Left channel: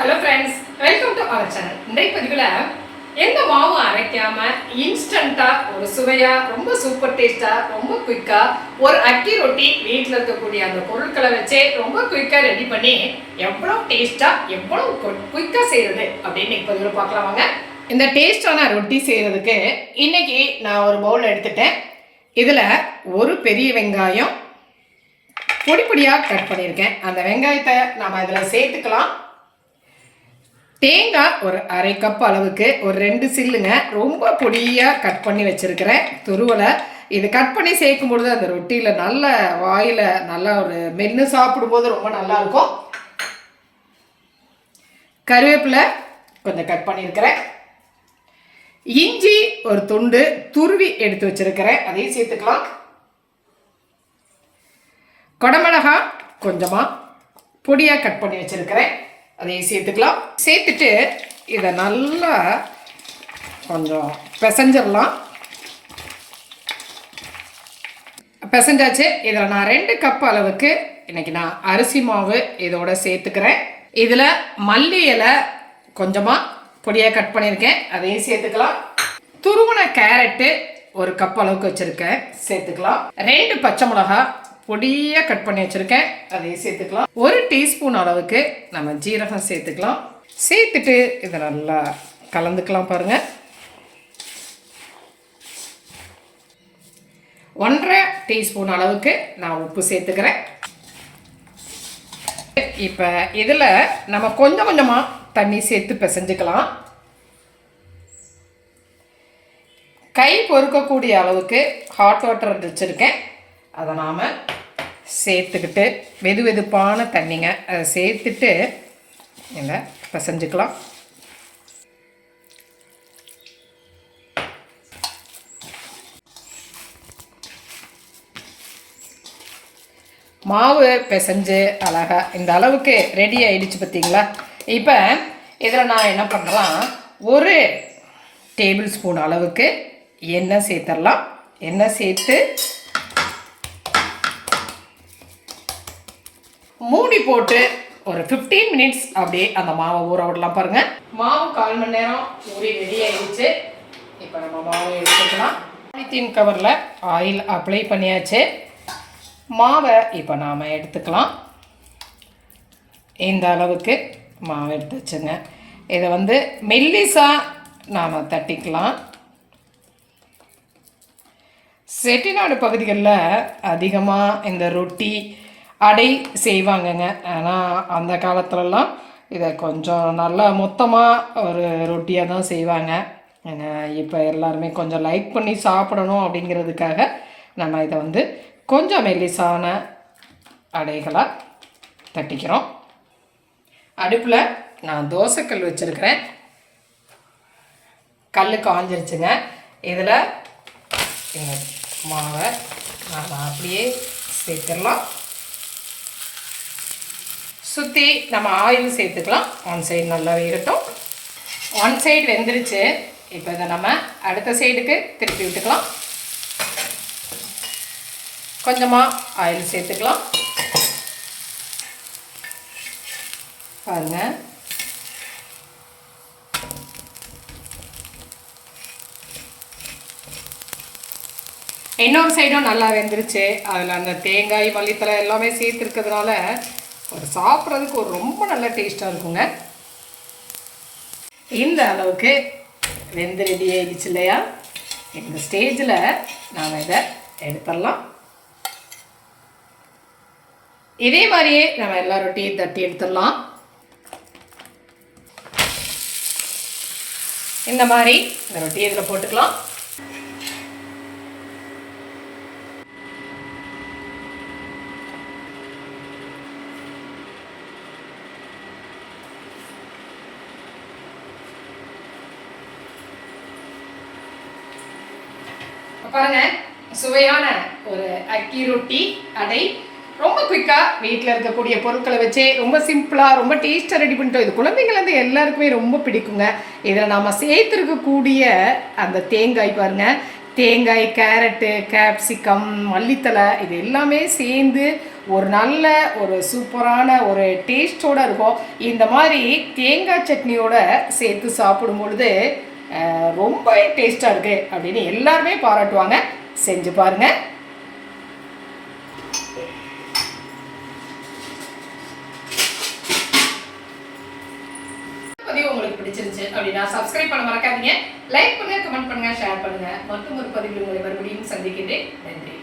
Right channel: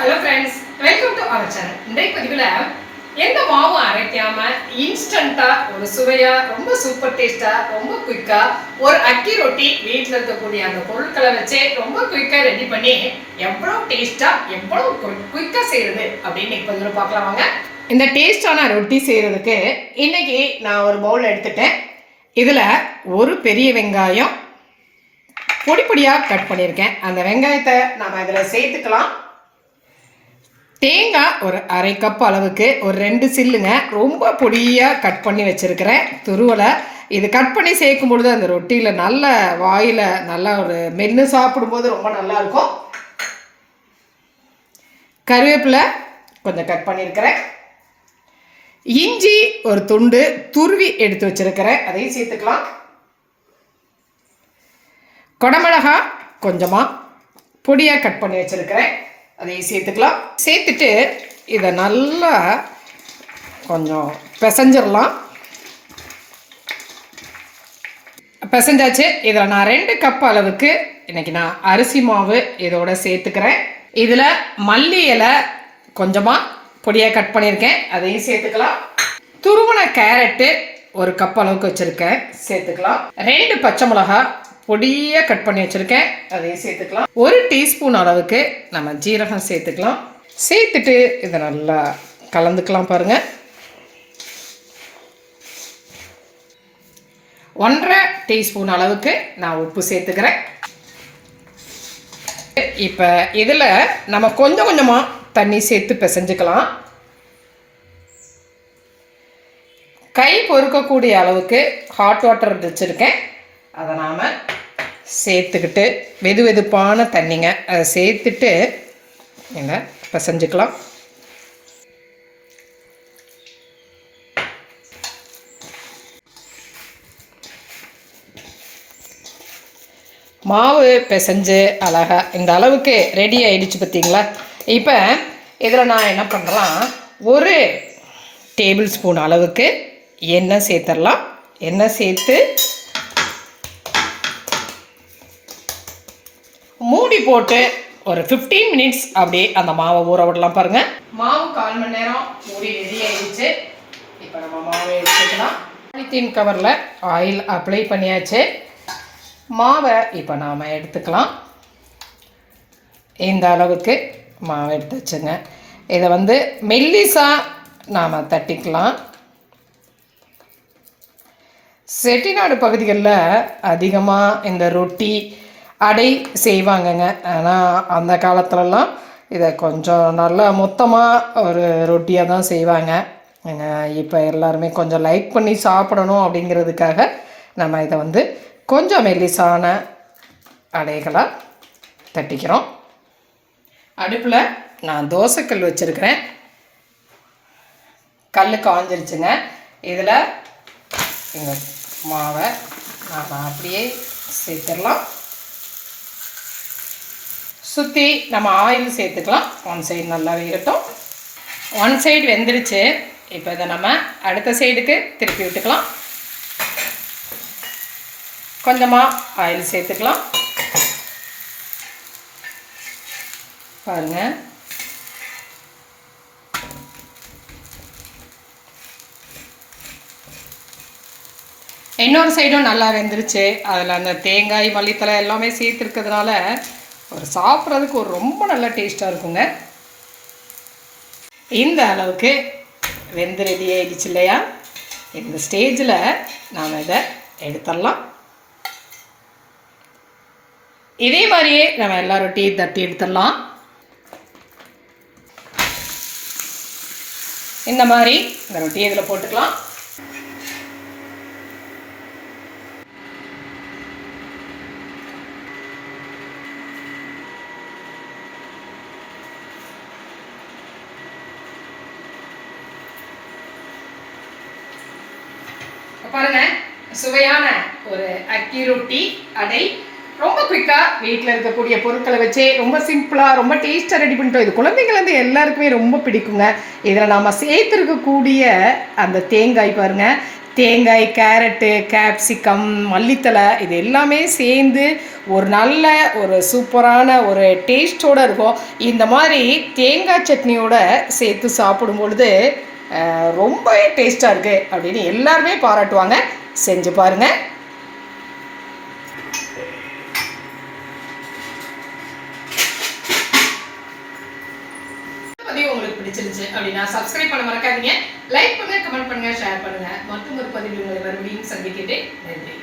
Hello friends, welcome to our channel. இன்றைய பதிவில் எந்த மாவும் அரைக்காமல் இன்ஸ்டண்ட்டாக ஒரு சுவையாக ரொம்ப சூப்பர் டேஸ்ட்டாக ரொம்ப குயிக்காக ஒரு அக்கி ரொட்டி வீட்டில் இருக்கக்கூடிய அந்த பொருட்களை வச்சே ரொம்ப குயிக்காக ரெடி பண்ணி எவ்வளோ டேஸ்ட்டாக எவ்வளோ குயிக்காக செய்கிறது அப்படின்னு பதிவில் பார்க்கலாம் வாங்க. இந்த டேஸ்டான ரொட்டி செய்கிறதுக்கு இன்றைக்கி நான் ஒரு பவுல் எடுத்துட்டேன். இதில் ஒரு பெரிய வெங்காயம் பொடி பொடியாக கட் பண்ணியிருக்கேன். அந்த வெங்காயத்தை நம்ம இதில் சேர்த்துக்கலாம். தேங்காய் ஒரு அரை கப் அளவுக்கு ஒரு 2 சில்லுங்க ரொம்ப பொடியாக கட் பண்ணி வச்சுருக்கிறேன் துருவலை. இது கட் பண்ணி சேர்க்கும் பொழுது அந்த ரொட்டியில் நல்ல வாயில் நல்லா ஒரு மென்று சாப்பிடும்போது ரொம்ப நல்லாயிருக்கும். கருவேப்பிலை கொஞ்சம் கட் பண்ணியிருக்கிறேன். இஞ்சி ஒரு துண்டு துருவி எடுத்து வச்சுருக்கிறேன், அதையும் சேர்த்துக்கலாம். குடமிளகாய் கொஞ்சமாக பொடியாக கட் பண்ணி வச்சுருக்கிறேன், அதையும் சேர்த்துக்கலாம். சேர்த்துட்டு இதை நல்லா கொஞ்சம் பிசைஞ்சிடலாம். பிசைஞ்சாச்சு. இதில் நான் 2 கப் அளவுக்கு இன்றைக்கி நான் அரிசி மாவு இதோட சேர்த்துக்கிறேன். இதில் மல்லி இலை கொஞ்சமாக பொடியாக கட் பண்ணியிருக்கேன், அதையும் சேர்த்துக்கலாம். துருவன கேரட்டு ஒரு கப் அளவுக்கு வச்சுருக்கேன், சேர்த்துக்கலாம். 2 பச்சை மிளகாய் பொடியாக கட் பண்ணி வச்சுருக்கேன், அதையும் சேர்த்துக்கலாம். 1 டீஸ்பூன் அளவுக்கு நம்ம ஜீரகம் சேர்த்துக்கலாம். சேர்த்துட்டு இதை நல்லா கலந்துக்கலாம். பாருங்கள், 1.5 டீஸ்பூன் அளவுக்கு நான் உப்பு சேர்த்துக்கிறேன். இப்போ இதில் நம்ம கொஞ்சம் கொஞ்சமாக தண்ணி சேர்த்து பிசைஞ்சுக்கலாம். கை பொறுக்கக்கூடிய அளவுக்கு ஹாட் வாட்டர் வச்சுருக்கேன், அதை நாம் சேர்த்துக்கிட்டு வெது வெதுப்பான தண்ணிங்க அதை சேர்த்துட்டு நீங்கள் பிசைஞ்சுக்கலாம். மாவு பிசைஞ்சு அழகாக இந்த அளவுக்கு ரெடி ஆகிடுச்சு பார்த்தீங்களா. இப்போ இதில் நான் என்ன பண்ணுறேன், 1 டேபிள் ஸ்பூன் அளவுக்கு எண்ணெய் சேர்த்துடலாம். எண்ணெய் சேர்த்து மூடி போட்டு ஒரு 15 மினிட்ஸ் அப்படியே அந்த மாவை ஊற விடலாம். பாருங்கள், மாவு 1/4 மணி நேரம் ஊறி ரெடி ஆகிடுச்சு. இப்போ நம்ம மாவை எடுத்துக்கலாம். பாலித்தீன் கவரில் ஆயில் அப்ளை பண்ணியாச்சு. மாவை இப்போ நாம் எடுத்துக்கலாம். இந்த அளவுக்கு மாவை எடுத்து வச்சுங்க. இதை மெல்லிசாக நாம் தட்டிக்கலாம். செட்டிநாடு பகுதிகளில் அதிகமாக இந்த ரொட்டி அடை செய்வாங்கங்க. ஆனால் அந்த காலத்துலலாம் இதை கொஞ்சம் நல்லா மொத்தமாக ஒரு ரொட்டியாக தான் செய்வாங்க. இப்போ எல்லாருமே கொஞ்சம் லைக் பண்ணி சாப்பிடணும் அப்படிங்கிறதுக்காக நம்ம இதை கொஞ்சம் மெல்லிசான அடைகளாக தட்டிக்கிறோம். அடுப்பில் நான் தோசைக்கல் வச்சுருக்கிறேன். கல் காஞ்சிருச்சுங்க. இதில் மாவை நான் அப்படியே சேர்த்துடலாம். சுற்றி நம்ம ஆயில் சேர்த்துக்கலாம். 1 சைடு நல்லா வேகட்டும். 1 சைடு வெந்துருச்சு. இப்போ இதை நம்ம அடுத்த சைடுக்கு திருப்பி விட்டுக்கலாம். கொஞ்சமாக ஆயில் சேர்த்துக்கலாம். பாருங்கள், இன்னொரு சைடும் நல்லா வெந்துருச்சு. அதில் அந்த தேங்காய் மல்லித்தலை எல்லாமே சேர்த்துருக்கிறதுனால ஒரு சாப்பிட்றதுக்கு ஒரு ரொம்ப நல்ல டேஸ்ட்டாக இருக்குங்க. இந்த அளவுக்கு வெந்து ரெடி ஆகிடுச்சு இல்லையா. இந்த ஸ்டேஜில் நாம் இதை எடுத்துடலாம். இதே மாதிரியே நம்ம எல்லா ரொட்டியும் தட்டி எடுத்துடலாம். இந்த மாதிரி இந்த ரொட்டி இதில் போட்டுக்கலாம். பாருங்க, சுவையான ஒரு அக்கி ரொட்டி அடை ரொம்ப குயிக்காக வீட்டில் இருக்கக்கூடிய பொருட்களை வச்சே ரொம்ப சிம்பிளாக ரொம்ப டேஸ்ட்டாக ரெடி பண்ணிட்டோம். இது குழந்தைங்கள்லேருந்து எல்லாருக்குமே ரொம்ப பிடிக்குங்க. இதில் நாம் சேர்த்துருக்கக்கூடிய அந்த தேங்காய் பாருங்கள், தேங்காய், கேரட்டு, கேப்சிகம், மல்லித்தழை இது எல்லாமே சேர்ந்து ஒரு நல்ல ஒரு சூப்பரான ஒரு டேஸ்ட்டோடு இருக்கும். இந்த மாதிரி தேங்காய் சட்னியோட சேர்த்து சாப்பிடும் பொழுது ரொம்ப டேஸ்ட்டாக இருக்குது அப்படின்னு எல்லாருமே பாராட்டுவாங்க. செஞ்சு பாருங்கள். உங்களுக்கு பிடிச்சிருச்சு அப்படின்னா சப்ஸ்கிரைப் பண்ண மறக்காதீங்க. லைக் பண்ணுங்க, கமெண்ட் பண்ணுங்க, ஷேர் பண்ணுங்க. மற்றும் ஒரு பதிவில் உங்களை மறுபடியும் சந்திக்கிறேன். நன்றி.